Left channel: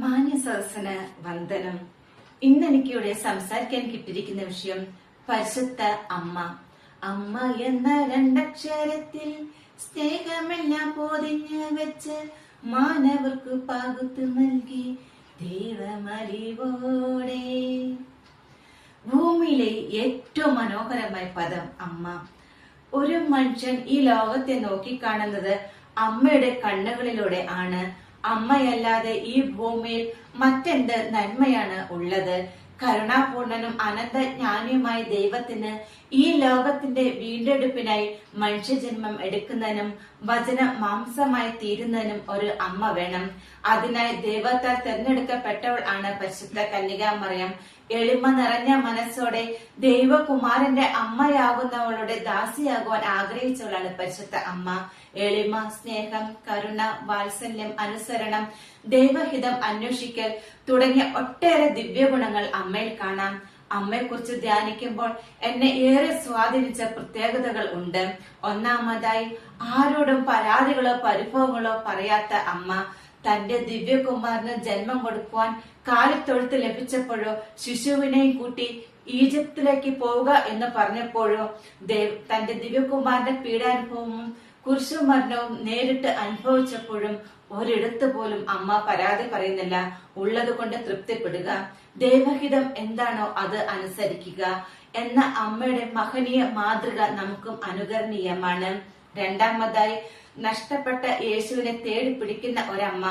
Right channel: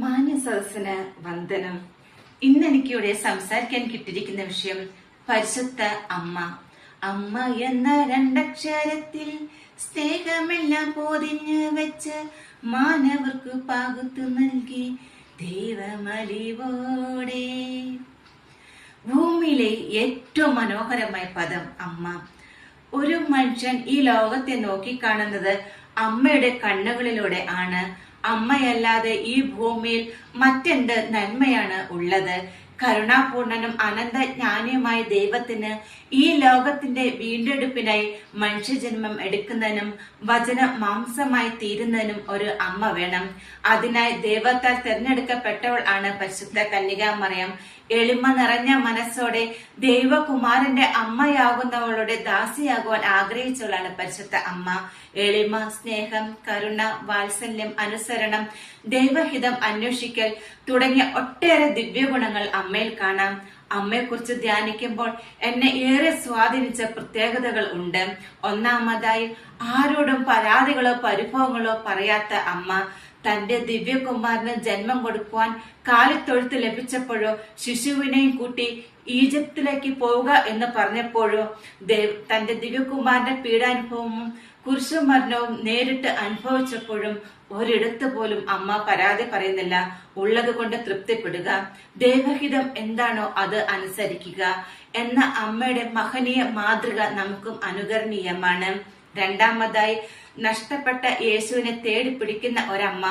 മാന്യ സദസ്സിന് വന്ദനം. ഇന്ന് എനിക്കിവിടെ സംസാരിക്കാൻ കിട്ടിയിരിക്കുന്ന വിഷയം പരിശുദ്ധ അമ്മ. അമ്മ എന്ന രണ്ടക്ഷരത്തിൽ സ്നേഹമെല്ലാം പൊതിഞ്ഞ് വെച്ച് മാനവർക്ക് പകുത്തു നൽകി ദൈവമലിവോടെ. ഭൂമിയിലെ ഏറ്റവും മനോഹരമായ പദം അമ്മ. ഒരു മനുഷ്യൻ ഈ ലോകത്തെ നോക്കിക്കാണുന്നത് അമ്മയുടെ കണ്ണുകളിലൂടെ ആണ്. അമ്മയല്ലാതെ ഈ ഭൂമിയിൽ മറ്റെന്ത് നന്മയാണ് ഉള്ളത്? കരുണാപൂർണനും അനന്തജ്ഞാനിയുമായ ദൈവത്തിന് ഈ ലോകത്തിന്റെ വീണ്ടെടുപ്പിനായി മനുഷ്യജന്മം എടുക്കുന്നതിനും വചനം മാംസമായി തീരുന്നതിനും ഒരു അമ്മ വേണം. അതിനായി ദൈവത്താൽ തിരഞ്ഞെടുക്കപ്പെട്ടവൾ ആണ് പരിശുദ്ധ കന്യകാമറിയം. എളിമ നിറഞ്ഞ മനസ്സോടെ ദൈവകുമാരന്റെ അമ്മയാകുന്നവളുടെ ദാസിയാകുവാൻ ആഗ്രഹിച്ചവളാണ് പരിശുദ്ധ അമ്മ. എളിമ, സ്നേഹം, കരുണ, വാത്സല്യം, അനുസരണം, ദൈവഹിതം അന്വേഷിക്കൽ തുടങ്ങിയ ഒട്ടേറെ ദിവ്യഗുണങ്ങൾ അമ്മയിൽ കാണാം. അമ്മയെക്കുറിച്ച് ധ്യാനിക്കുമ്പോൾ എന്നെ ഏറെ സ്വാധീനിച്ച പ്രത്യേകതകൾ ഉണ്ട്. ഒന്നാമതായി, ആരോടും പരാതികളോ പരിഭവങ്ങളോ പറയാത്ത അമ്മ. തന്റെ ദിവ്യകുമാരന് ജന്മം കൊടുക്കുവാൻ കാലിത്തൊഴുത്ത് ലഭിച്ചപ്പോഴോ ശിശുവിനെയും കൂട്ടി ഈജിപ്തിലേക്ക് പോവുക എന്ന് പറഞ്ഞപ്പോഴോ തന്റെ ദിവ്യകുമാരന്റെ പീഡാനുഭവവും കുരിശുമരണവും നേരിട്ട് അനുഭവിച്ചപ്പോഴും ഒരിടത്ത് പോലും അമ്മ പരാതി പറയുന്നില്ല. ഉള്ളത് കൊണ്ട് തൃപ്തിപ്പെടുക, ദൈവഹിതം എന്താണോ അത് അനുസരിക്കുക എന്ന അമ്മയുടെ മഹനീയ മാതൃക നമുക്കും അനുകരണീയമാണ്. രണ്ടാമതായി, നഷ്ടപ്പെട്ട യേശുവിനെ തേടി പിടിക്കുന്ന ഒരമ്മ.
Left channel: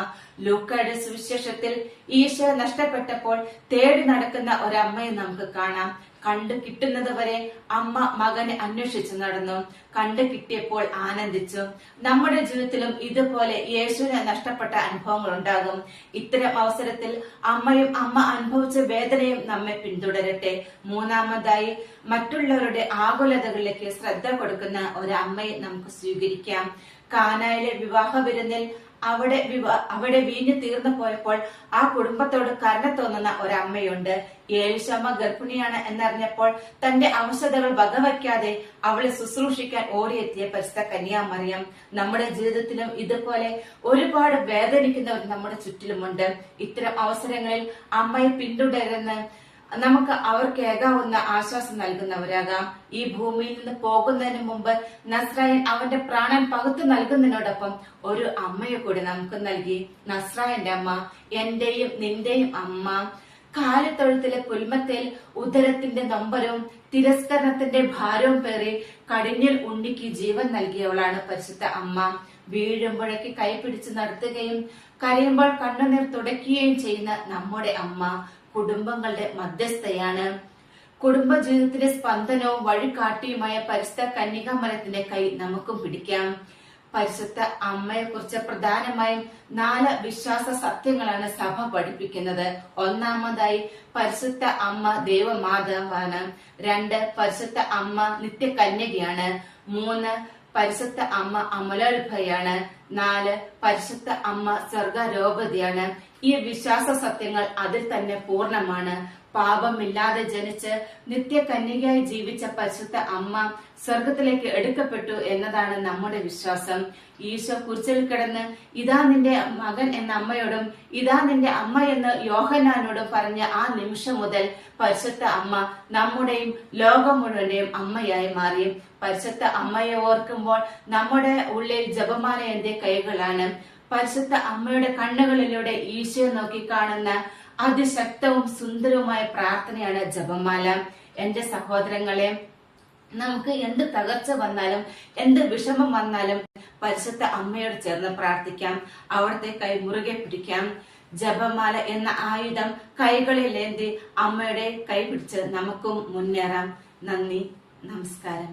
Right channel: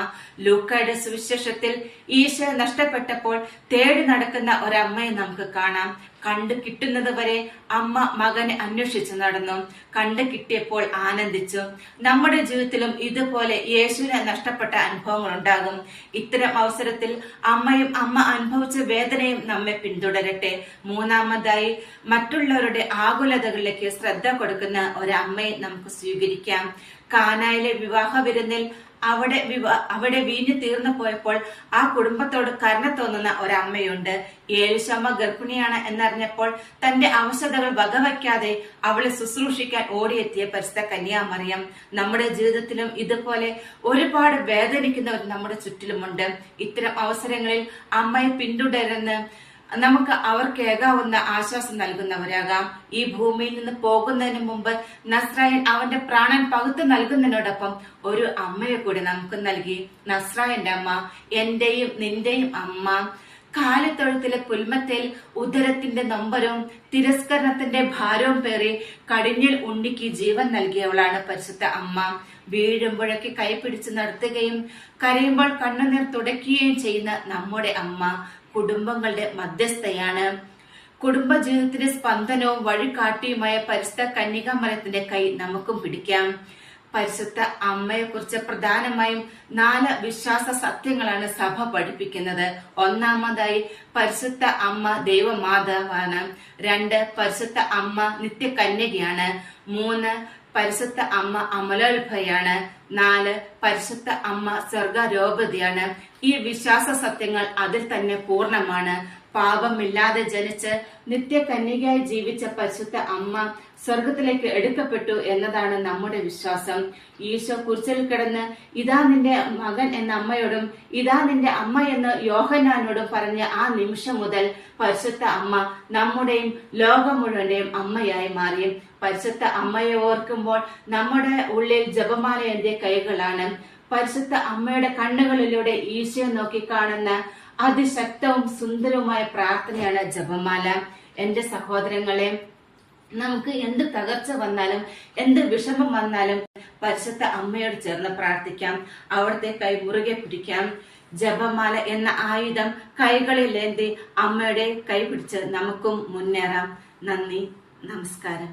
ലൂക്കായുടെ സുവിശേഷത്തിൽ ഈശോ നഷ്ടപ്പെട്ടപ്പോൾ തേടി നടക്കുന്ന ഒരമ്മയെ നമുക്ക് കാണാം. കണ്ടു കിട്ടുന്നത് വരെ അമ്മ മകനെ അന്വേഷിച്ചു നടന്നു. കണ്ടു കിട്ടിയപ്പോൾ ആനന്ദിച്ചു. നമ്മുടെ ജീവിതത്തിലും ഇതുപോലെ യേശുവിനെ നഷ്ടപ്പെട്ട അനുഭവങ്ങൾ ഉണ്ടാകും. ഇത്തരം അവസരത്തിൽ അമ്മയും അമ്മ അനുഭവിച്ച വേദനയും നമ്മെ പിന്തുടരട്ടെ. മൂന്നാമതായി, മറ്റുള്ളവരുടെ ആകുലതകളിലേക്ക് ശ്രദ്ധ കൊടുക്കുന്ന ഒരമ്മയെ നമുക്ക് സ്വീകരിക്കാം. കാനായിലെ വിവാഹ വിരുന്നിൽ അവിടെ വീഞ്ഞു തീർന്നു പോയപ്പോൾ ആ കുടുംബത്തോട് കരുണ തോന്നുന്ന ഒരമ്മയുണ്ട്. ഏലിശമ്മ ഗർഭിണിയാണ് എന്നറിഞ്ഞപ്പോൾ തന്റെ അവശതകൾ വകവയ്ക്കാതെ അവളെ ശുശ്രൂഷിക്കാൻ ഓടിയെത്തിയ പരിശുദ്ധ കന്യാമറിയം. നമ്മുടെ ജീവിതത്തിലും ഇതുപോലെ ഒരുപാട് വേദനിക്കുന്നവർ നമ്മുടെ ചുറ്റിലുമുണ്ട്. ഇത്തരം അവസരങ്ങളിൽ അമ്മയെ പിന്തുടരുന്ന നമുക്ക് അവർക്ക് ഏകാവുന്ന ആശ്വാസം നൽകുന്നവരാകാം. ഈ ഭൂമിയിൽ നിന്ന് പോകുന്നതിന് മുമ്പ് നസ്രായൻ അവന്റെ പ്രാണൻ പകുത്തു നൽകുന്നതിനോടൊപ്പം ഒരു അമ്മയെ കൂടി നമുക്ക് നൽകി. നസ്രായന്റെ അമ്മ, എന്റെയും നിന്റെയും അമ്മ. കാലിത്തൊഴുത്തിലെ പുൽമത്തേൽ ഉദരത്തിന്റെ നൊമ്പരവും തിരസ്കരണത്തിന്റെ ഭാരവും പേറി കടിഞ്ഞിൽ ഉണ്ണിക്ക് ജീവൻ നൽകിയവളാണ് പരിശുദ്ധ അമ്മ. വീഴുമ്പോഴേക്ക് കൈപിടിച്ച് നടത്തുകയും കരയുമ്പോൾ കണ്ണുനീർ തുടയ്ക്കുകയും ചെയ്യുന്ന നമ്മുടെ അമ്മ കുടുംബങ്ങളുടെ മധ്യസ്ഥയാണ്. കുടുംബജീവിതത്തിന്റെ സ്പന്ദനവും വഴികാട്ടിയുമായ പരിശുദ്ധ കന്യകാമറിയത്തിന്റെ കൈ നമുക്കും പിടിക്കാം. പരിശുദ്ധ അമ്മയെക്കുറിച്ച് പ്രധാനമായും 4 വിശ്വാസ സത്യങ്ങളാണ് സഭ പഠിപ്പിക്കുന്നത്. ഒന്നാമതായി, പരിശുദ്ധ അമ്മ ദൈവമാതാവാണ്. 2, പരിശുദ്ധ അമ്മ നിത്യകന്യകയാണ്. 3, പരിശുദ്ധ അമ്മ അമലോത്ഭയാണ്. 4, പരിശുദ്ധ അമ്മ സ്വർഗാരോപതിയാണ്. ഈ വിശ്വാസ സത്യങ്ങൾ അതിൽ തന്നെ പൂർണ്ണമാണ്. പാപമില്ലാതെ ജനിച്ച് നിത്യകന്യകയായി ജീവിച്ച പരിശുദ്ധ അമ്മ സ്വർഗത്തിലേക്ക് എടുക്കപ്പെട്ടു എന്നതാണ് നമ്മുടെ വിശ്വാസം. ഈശോ കുരിശിൽ കിടന്ന് ഇതാ നിന്റെ മകൻ എന്ന അമ്മയോടും ഇതാ നിന്റെ അമ്മ എന്ന് യോഹന്നാനോടും പറഞ്ഞ ആ നിമിഷം മുതൽ പരിശുദ്ധ അമ്മ നമ്മുടെയും ലോകം മുഴുവന്റെയും അമ്മയായി മാറി. പരിശുദ്ധ അമ്മയെ ഓർക്കുമ്പോൾ നമ്മുടെ ഉള്ളിൽ ജപമാല എന്റെ കൈകളാണ്. പരിശുദ്ധ അമ്മയുടെ കണ്ണുകളിലൂടെ ഈശോയെ നോക്കി കാണുന്ന അതിശക്തവും സുന്ദരവുമായ പ്രാർത്ഥനയാണ് ജപമാല. എന്റെ സഹോദരങ്ങളെ, നമുക്ക് എന്ത് തകർച്ച വന്നാലും എന്ത് വിഷമം വന്നാലും പരിശുദ്ധ അമ്മയോട് ചേർന്ന് പ്രാർത്ഥിക്കാം. അവിടുത്തെ കൈ മുറുകെ പിടിക്കാം. ജപമാല എന്ന ആയുധം കൈകളിലേന്തി അമ്മയുടെ കൈ പിടിച്ച് നമുക്കും മുന്നേറാം. നന്ദി, നമസ്കാരം.